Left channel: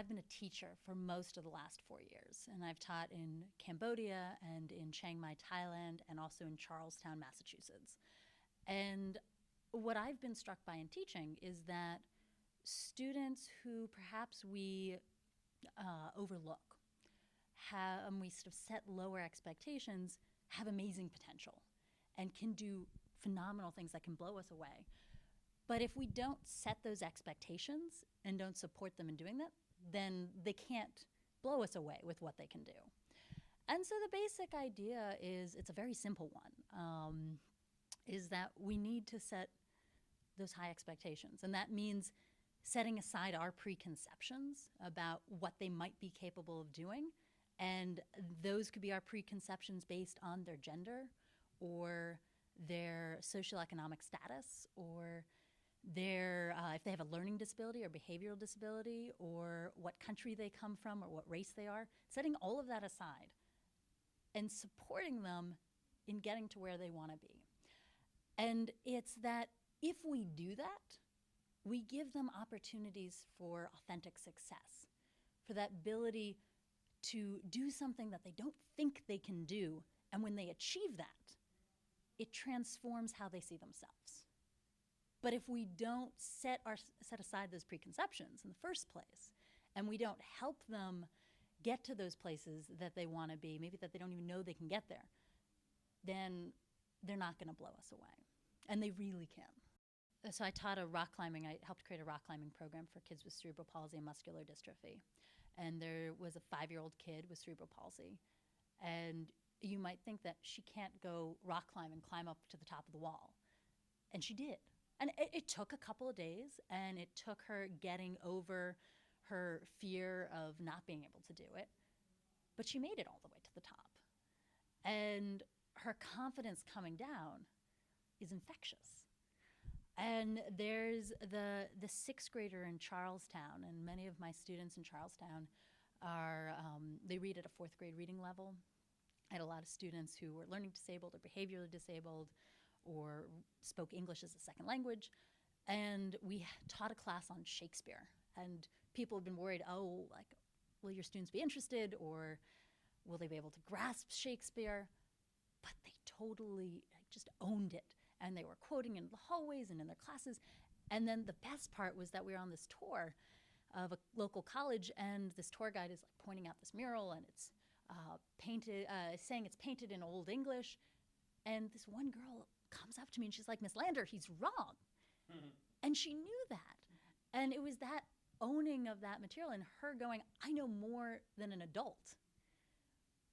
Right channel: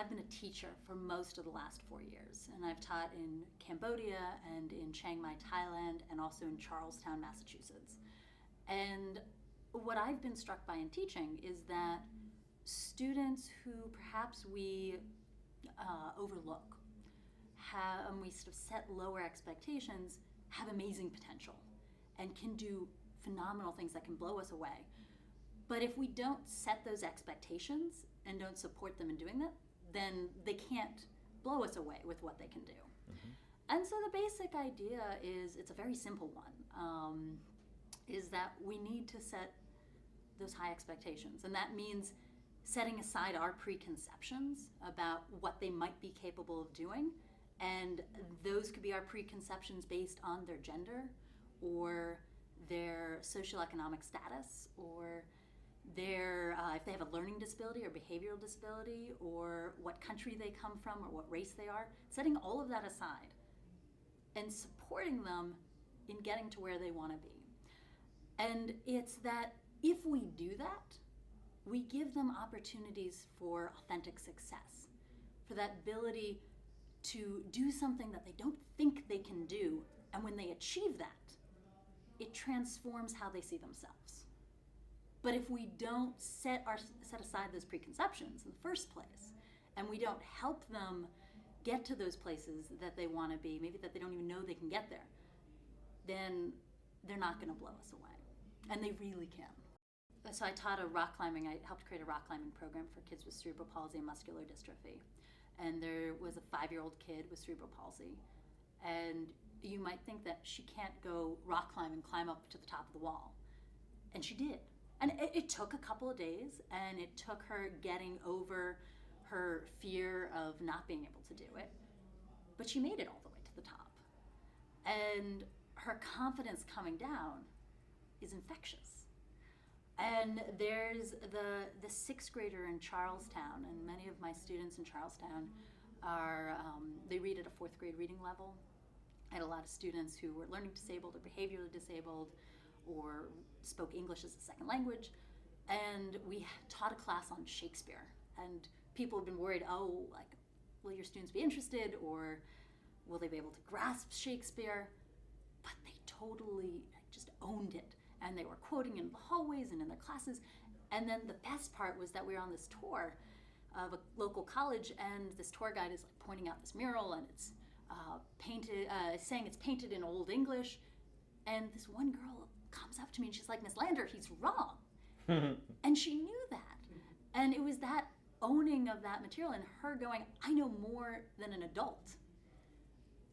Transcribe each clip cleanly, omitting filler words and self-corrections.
I've been a teacher for most of the last 4 years, and I've taught in Cambodia and in Chiang Mai, Thailand, and also in Charlestown, Massachusetts. And what I've been struck by in teaching is that students who perhaps we overlook, we sort of set lower expectations, have amazing potential and can do phenomenal things that can blow us away. But if we don't set those expectations and don't support them in doing that, then they can't blow us away with what they can do. Mm-hmm. And so the basic idea is, it's a very simple one, is that we need to set those high expectations. And that means setting aside our preconceptions about what they might be capable of doing. And those could be our preconceptions based on their gender or their socioeconomic status, or their, if they have a learning disability or behavioral disability, or what country they come from or what race they are, setting all of that aside and supporting them in getting to where they want to be. And it's that if we do that, we give them opportunities for authentic success, for that ability to do something that they don't think they can do. And when they achieve that, it transforms how they see themselves. But if we don't set aside those preconceptions in the first place, and we don't help them get to those places that they want to be, maybe that they don't even know they can get there, then they're not going to blow us away. And they really can. So I taught I helped create a rock climbing program for kids with cerebral palsy and muscular dystrophy. And there was a 5-year-old kid with cerebral palsy. And you might think that she can't go rock climb and climb up to the top of the wall. And she did. And it took a couple of days, and it took her getting over her fear of not being able to do it. But she made it all the way to the top. And her confidence coming down is infectious. And there's the 6th grader in Charlestown, and many of my students in Charlestown are, they read at a 4th grade reading level. I had a lot of students who were learning disabled or behaviorally disabled or spoke English as a second language. And we taught a class on Shakespeare. And people have been worried, will your students be interested, or will they be able to grasp Shakespeare? But they totally just owned it. And they were quoting in the hallways and in their classes. And then the best part was that we were on this tour of a local college, and this tour guide is like pointing out this mural, and it's saying it's painted in Old English. And this one girl comes up to me and she's like, "Miss Lander, he's wrong." And she knew that. And it was that owning of that material and her going, "I know more than an adult,"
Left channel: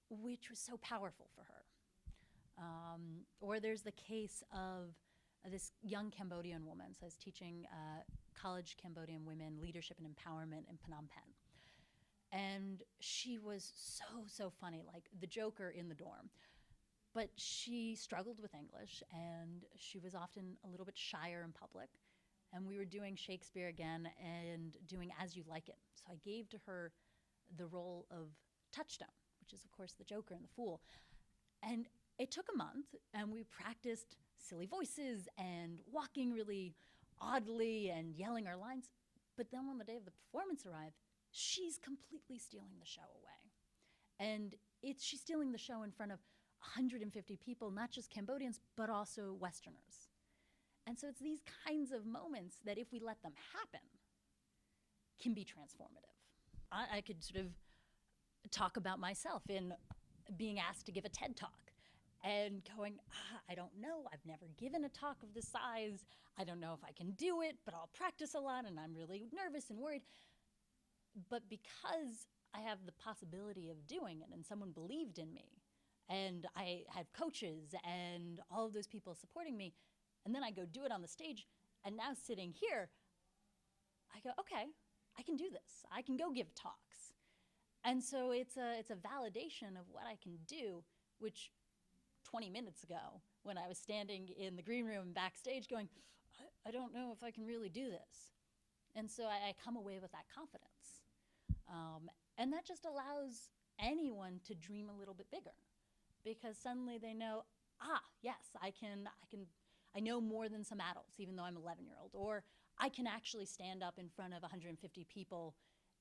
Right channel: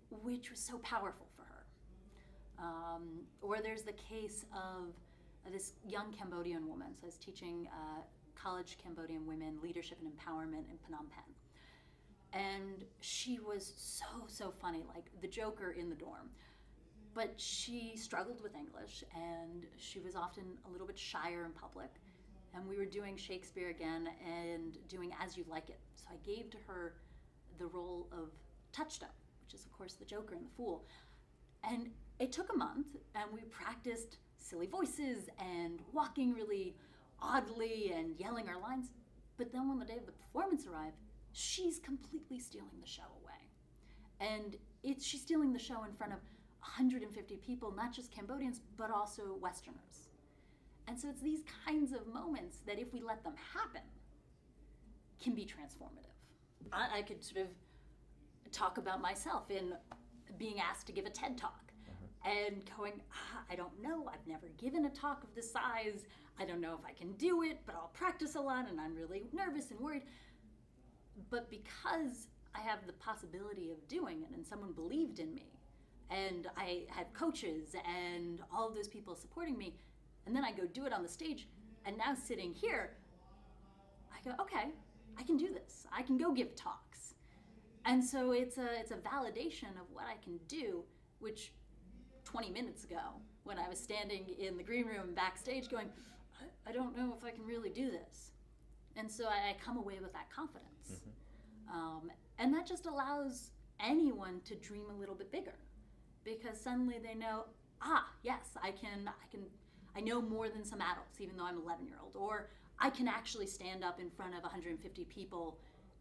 which was so powerful for her. Or there's the case of this young Cambodian woman. So I was teaching college Cambodian women leadership and empowerment in Phnom Penh. And she was so funny, like the joker in the dorm. But she struggled with English, and she was often a little bit shyer in public. And we were doing Shakespeare again and doing As You Like It. So I gave to her the role of Touchstone, which is, of course, the Joker and the Fool. And it took a month, and we practiced silly voices and walking really oddly and yelling our lines. But then when the day of the performance arrived, she's completely stealing the show away. And she's stealing the show in front of 150 people, not just Cambodians, but also Westerners. And so it's these kinds of moments that, if we let them happen, can be transformative. I could sort of talk about myself in being asked to give a TED Talk and going, I don't know, I've never given a talk of this size. I don't know if I can do it, but I'll practice a lot, and I'm really nervous and worried. But because I have the possibility of doing it, and someone believed in me, and I had coaches and all of those people supporting me, and then I go do it on the stage, and now sitting here, I go, okay, I can do this. I can go give talks. And so it's a validation of what I can do, which 20 minutes ago, when I was standing in the green room backstage going, I don't know if I can really do this. And so I come away with that confidence. And that just allows anyone to dream a little bit bigger, because suddenly they know, yes, I know more than some adults, even though I'm an 11-year-old, or I can actually stand up in front of 150 people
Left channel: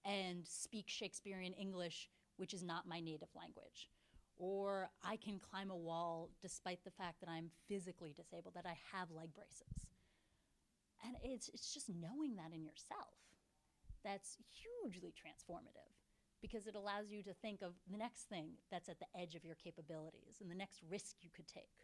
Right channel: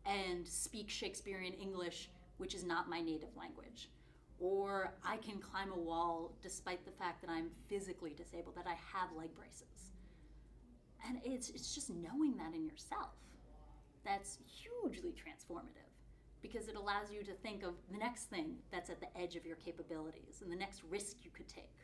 and speak Shakespearean English, which is not my native language. Or I can climb a wall despite the fact that I'm physically disabled, that I have leg braces. And it's just knowing that in yourself that's hugely transformative, because it allows you to think of the next thing that's at the edge of your capabilities and the next risk you could take.